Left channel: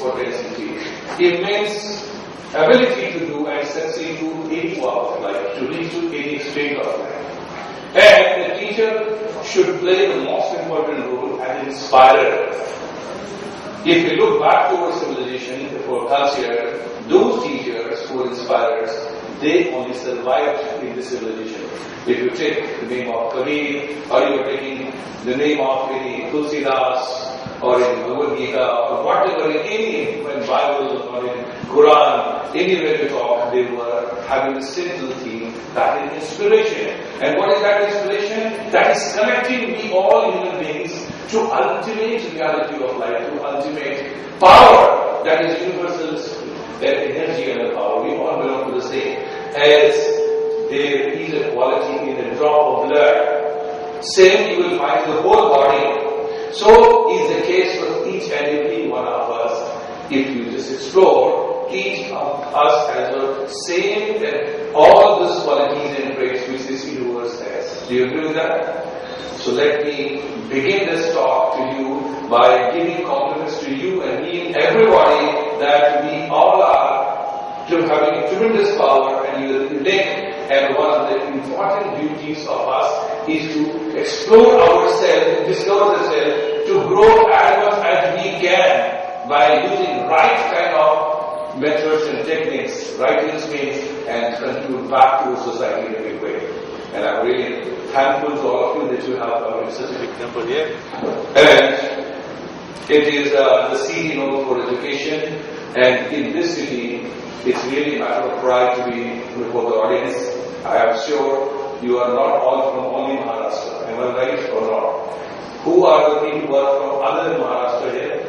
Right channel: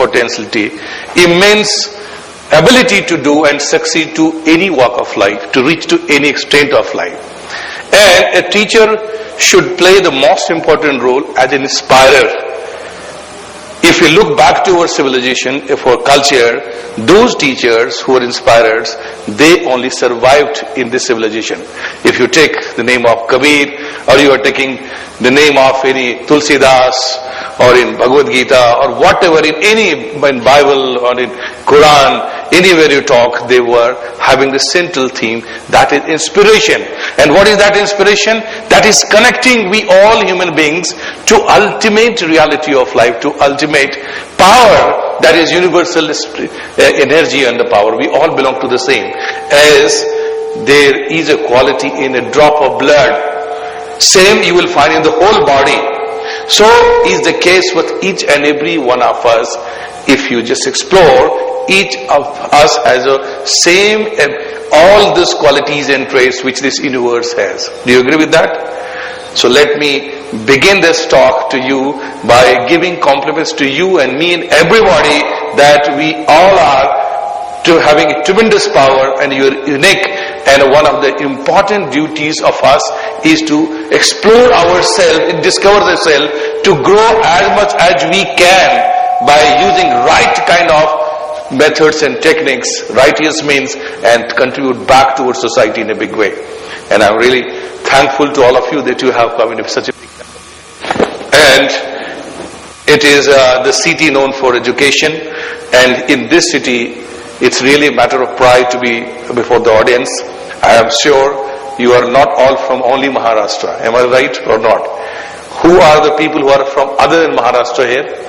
potentiality, immense ability to do and succeed to any walk of life, to reach to any extent of life. And a teacher should play the most important role as an inspirer. If we look back to our civilization, for culture, those teachers who were inspirers, they only survived in this civilization. If you take the name of Kabir, or you are taking the name of any Tulsidas, or in Bhagavad Gita, or whatever, in Bible or in Quran, anywhere you talk, they were having the central theme, that is inspiration. And what is that inspiration? That is connecting we all human beings to ultimate reality of life, to ultimate power, that is universal energy and the power. We all belong to the same. As there is a quality in a drop of blood, same you will find in the whole body. So is the case with each and every one of us. If you just explore, each of us has a same and all these qualities and traits which this universe has. Do you agree with that? So let me begin this talk to you by giving compliments to you and me and everybody that we all are to having tremendous power and you're unique. And one of the important duties of us is to explore ourselves and discover ourselves, to grow as much as we can by using right kind of methods and techniques, righteous means, and contribute back towards society in a big way. And I'm really thankful to all of you that you have come in such a big number here. And it is the city known for education, and in this city it's really a matter of pride to be before the audience. I am sure you are not all from only Maharashtra. Am I right or not? Who are the people who are from other than Maharashtra here?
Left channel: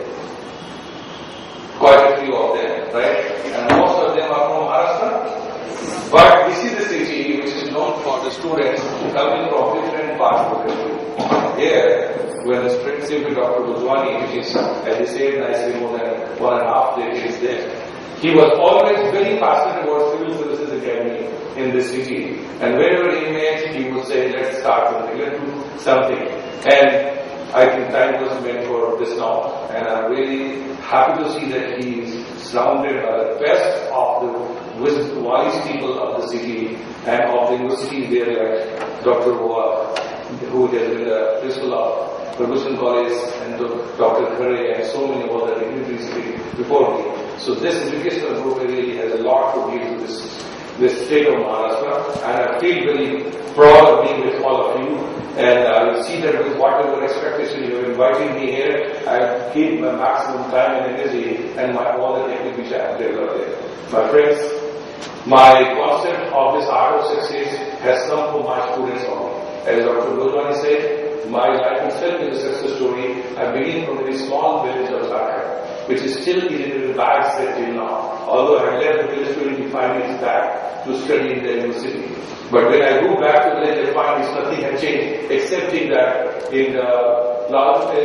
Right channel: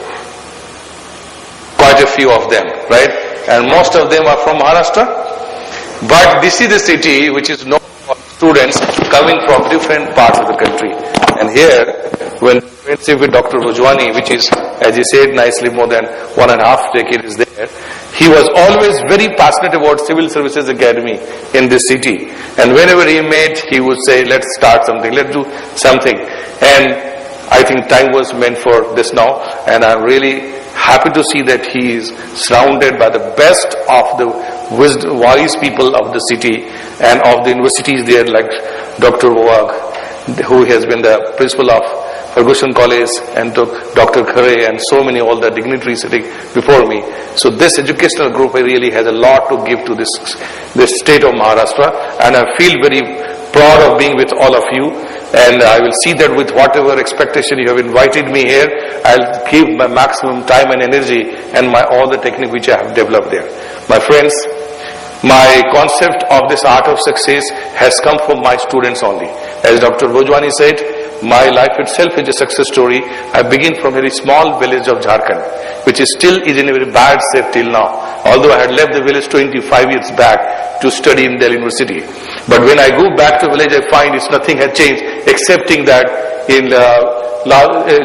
Quite a few of them, right? And most of them are from Maharashtra. But this is the city which is known for the students coming from different parts of the country. And here, when friendship with Dr. Bhojwani, which is, as he said nicely, more than 1.5 decades there, he was always very passionate about Civil Services Academy in this city. And whenever he met, he would say, let's start something, let's do something. And I think time was meant for this now. And I'm really happy to see that he is surrounded by the best of the wise people of the city and of the universities there, like Dr. Wag, who has been the principal of Ferguson College, and Dr. Khare, and so many all the dignitaries sitting before me. So this educational group really has a lot to give to this state of Maharashtra, and I feel very proud of being with all of you, and I will see that with whatever expectation you have invited me here, I'll give my maximum time and energy and all the technique which I have developed there. My friends, my concept of this art of success has come from my students only. As Dr. Bhojwani said, my life itself is a success story. I begin from a very small village of Jharkhand, which is still in a very bad state till now. Although I had left the village 25 years back to study in Delhi University. But when I go back to village, I find nothing had changed, excepting that in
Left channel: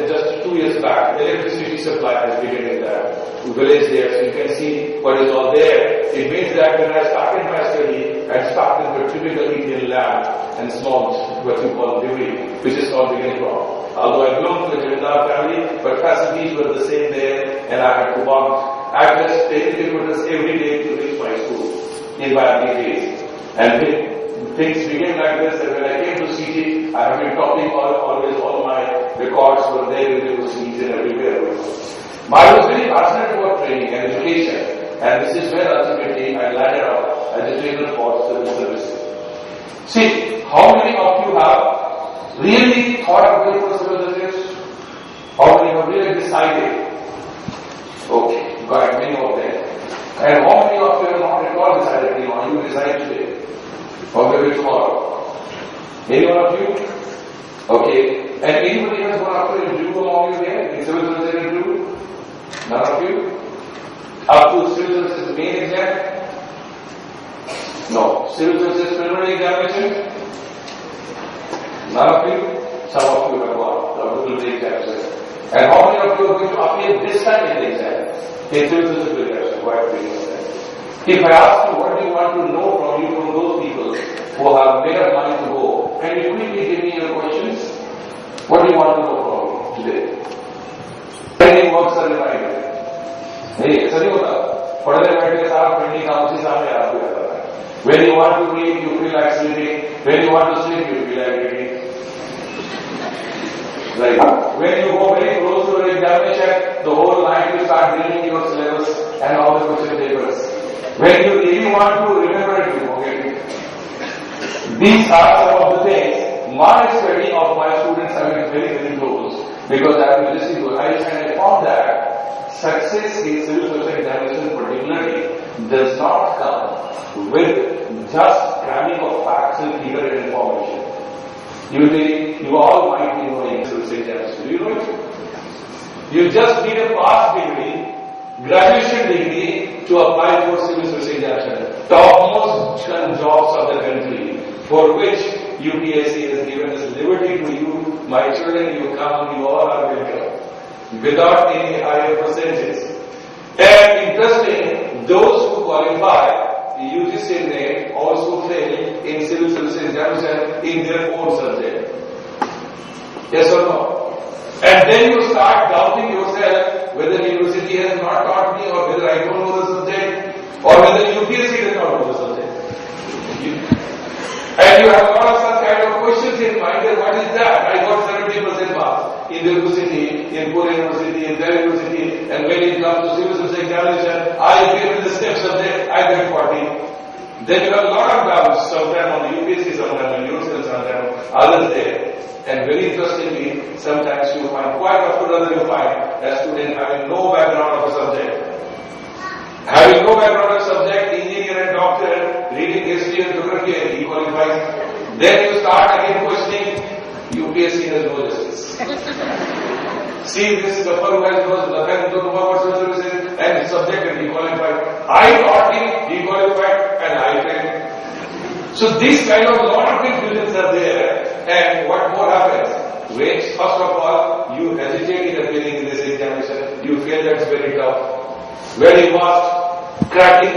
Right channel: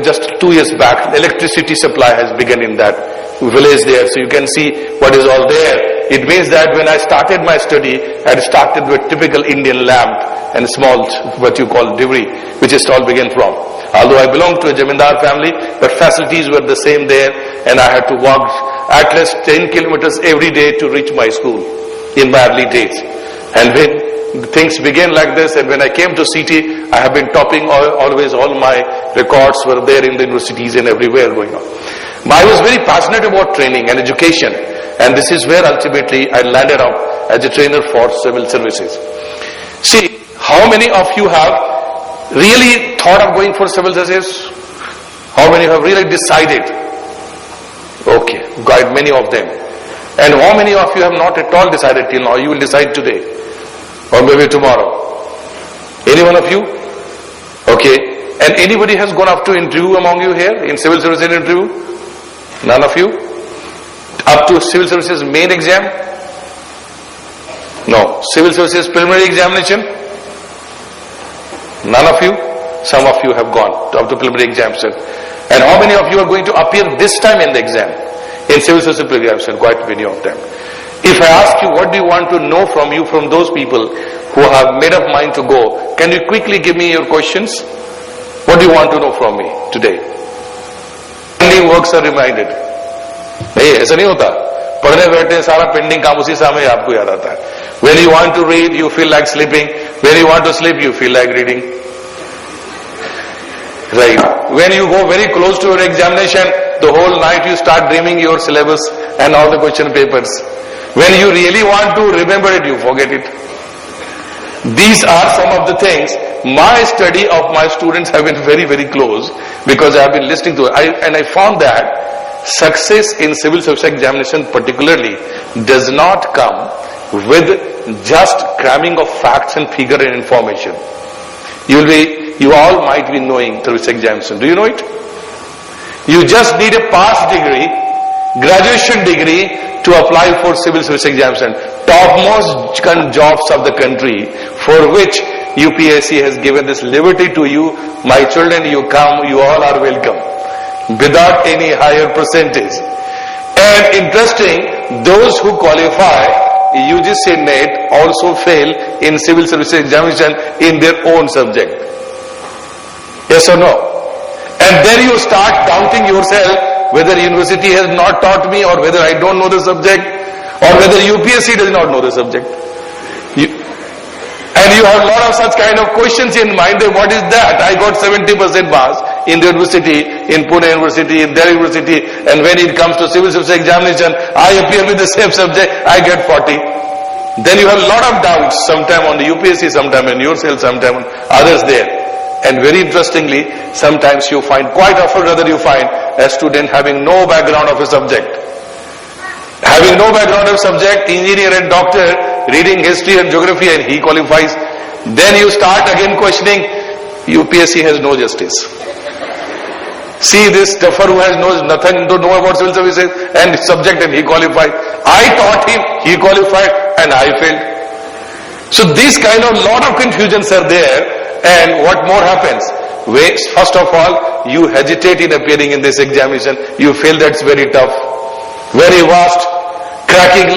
just 2 years back, electricity supply has begun in that village there. So you can see what is all there. It means that when I started my study, I had started with typical Indian lamp and a small, what you call divri, which it all began from. Although I belong to a Jamindar family, but facilities were the same there, and I had to walk at least 10 kilometers every day to reach my school in my early days. And when things began like this, and when I came to city, I have been topping always, all my records were there in the universities and everywhere going on. But I was very passionate about training and education, and this is where ultimately I landed up as a trainer for civil services. See, how many of you have really thought of going for civil services? How many have really decided? Okay, quite many of them. And how many of you have not at all decided till now? You will decide today or maybe tomorrow. Any one of you? Okay. And anybody has gone up to interview among you here in civil services interview? None of you? Up to civil services main exam? No. Civil services preliminary examination? None of you? Some of you have gone up to preliminary examination. And how many of you are going to appear this time in the exam? In civil services preliminary examination, quite many of them. If I ask you, what do you want to know from you, from those people who have made up mind to go, can you quickly give me your questions? What do you want to know from me today? Any works are reminded? नहीं, ऐसा नहीं होता। पढ़ने बैठे सारा pending काम उसी समय आपको याद आता है। When you want to read, you feel like sleeping. When you want to sleep, you feel like reading. Right. When you go very close to your examination, the whole night you start dreaming your syllabus and all the question papers. When you really want to remember it, you forget it. These are some of the things. My study of my students have been very, very close because I have been listening to it. And I found that success in civil service examination particularly does not come with just cramming of facts and figure and information. You all might be knowing through this examination. Do you know it? You just need a pass degree, graduation degree to apply for civil service examination. Topmost jobs of the country for which UPSC has given this liberty to you. My children, you come, you all are welcome. Without any higher percentage. And interesting, those who qualify UGC NET also fail in civil service examination in their own subject. Yes or no? And then you start doubting yourself whether university has not taught me or whether I don't know the subject or whether UPSC does not know the subject. And you have a lot of such kind of questions in mind. What is that? I got 70% pass in the university, in Pune University, in their university, and when it comes to civil service examination, I appear with the same subject, I get 40. Then you have a lot of doubts, sometime on the UPSC, sometime in yourself, sometime on others there. And very interestingly, sometimes you find, quite often rather you find, a student having no background of a subject. Having no background of subject, engineer and doctor, reading history and geography, and he qualifies. Then you start again questioning, UPSC has no justice. See this stuffer who has nothing to know about civil services and subject, and he qualified. I taught him, he qualified, and I failed. So these kind of lot of confusions are there. And what more happens? First of all, you hesitate in appearing in this examination. You feel that's very tough, very vast, cracking,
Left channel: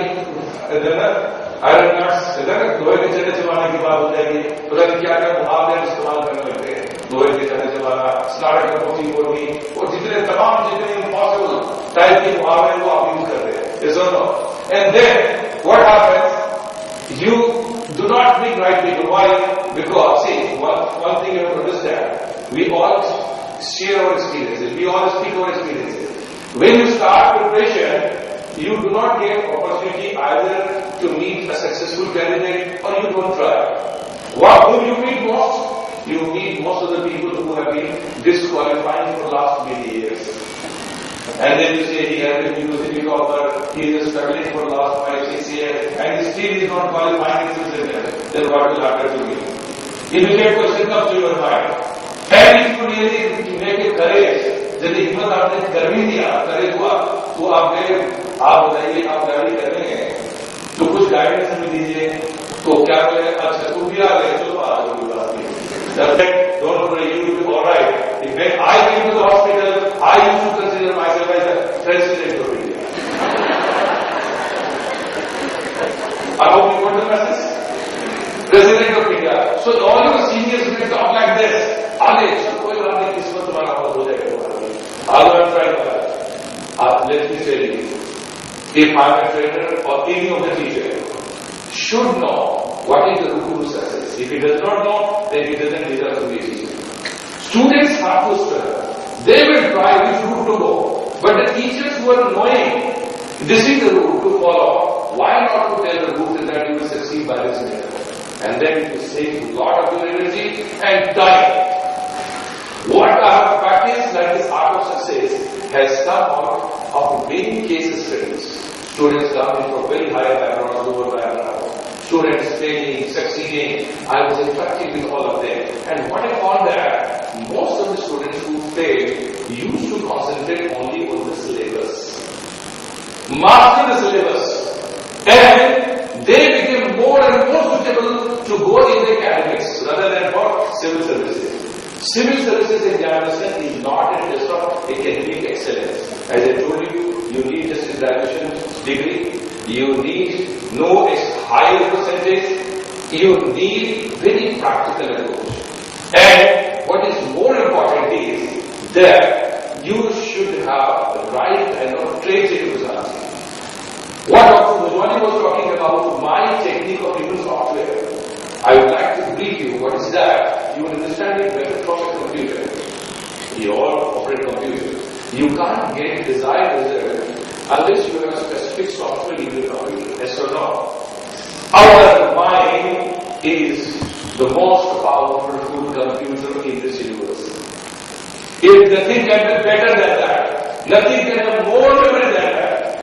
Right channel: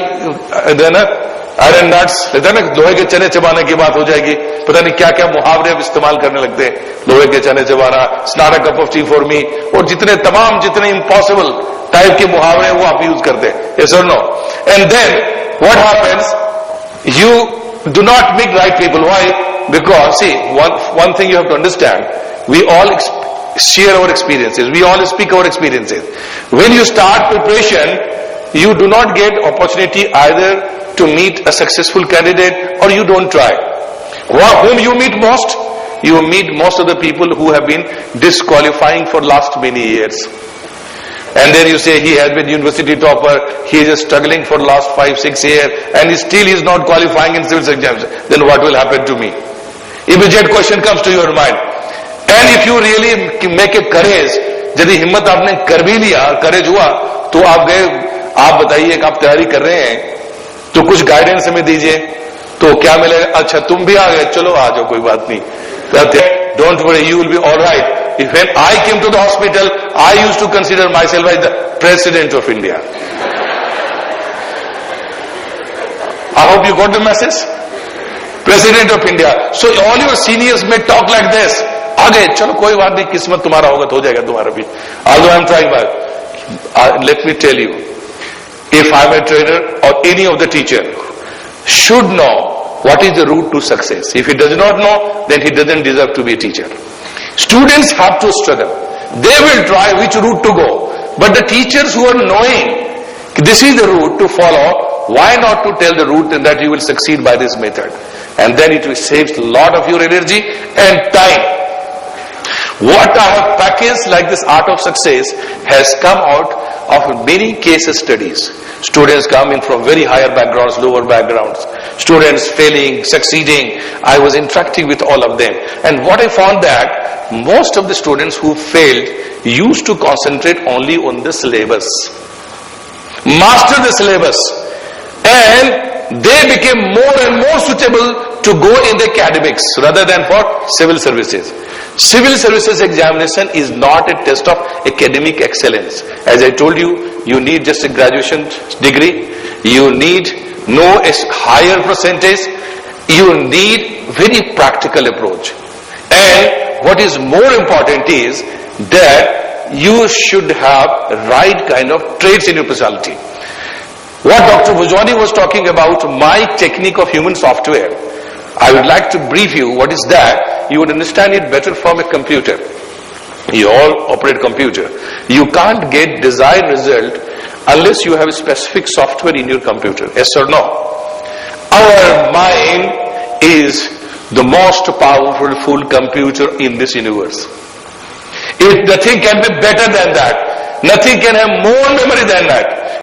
iron nuts, लोहे के चने चबाने की बात हो जाएगी, पता नहीं क्या क्या मुहावरे अब इस्तेमाल करने लगते हैं, लोहे के चने चबाना, स्नार a cup of tea for me, और जितने इम्पॉसिबल टाइप के मुहावरे वो आप यूज करते हैं. Yes or no? And then what happens? You do not meet right people. Why? Because see, one thing you have to understand, we all share our experiences, we all speak our experiences. When you start preparation, you do not get opportunity either to meet a successful candidate or you don't try. Whom you meet most? You meet most of the people who have been disqualifying for last many years. And then you say he has been university topper, he is struggling for last 5-6 years and still he is not qualifying in civil exams. Then what will happen to me? Immediate question comes to your mind. And if you really make a courage, यदि हिम्मत आपने कर भी लिया, courage हुआ, तो आप गए, आप बताइए कि आप तैयारी कर रहे हैं, तो कुछ गाइडेंस हमें दीजिए, तो क्या मिलेगा? अच्छा तुम भी आ गए, चलो आ जाओ, कोई बात नहीं. Don't worry, you will be all right. If when I came to the hospital, I used to consider myself as the President of India. I hope you got the message. President of India. So all your seniors may talk like this. आगे चलो कोई बात नहीं, किस्मत तुम्हारा होगा तो हो जाएगा तुम्हारा भी. Although I am trying my, let me tell you, if I am a trainer or any of the teacher should know what is the route to success. If he does not know, then he doesn't deserve to be a teacher. Students have to struggle. They will try which route to go. But the teachers who are knowing this is the route to follow, why not to tell the route that you will succeed by this method? And then it will save a lot of your energy and time. What our package like this Art of Success has come out of many case studies. Students coming from very higher backgrounds, lower backgrounds. Students failing, succeeding. I was interacting with all of them. And what I found that most of the students who failed used to concentrate only on the syllabus. Master the syllabus. And they became more and more suitable to go in the academics rather than for civil services. Civil services examination is not a test of academic excellence. As I told you, you need just a graduation degree. You need no higher percentage. You need very practical approach. And what is more important is that you should have right kind of traits in your personality. What Dr. Bhujwani was talking about, my technique of human software, I would like to brief you what is that. You would understand it better from a computer. You all operate computer. You can't get desired result unless you have a specific software in your computer. Yes or no? Our mind is the most powerful computer in this universe. If nothing can be better than that, nothing can have more memory than that.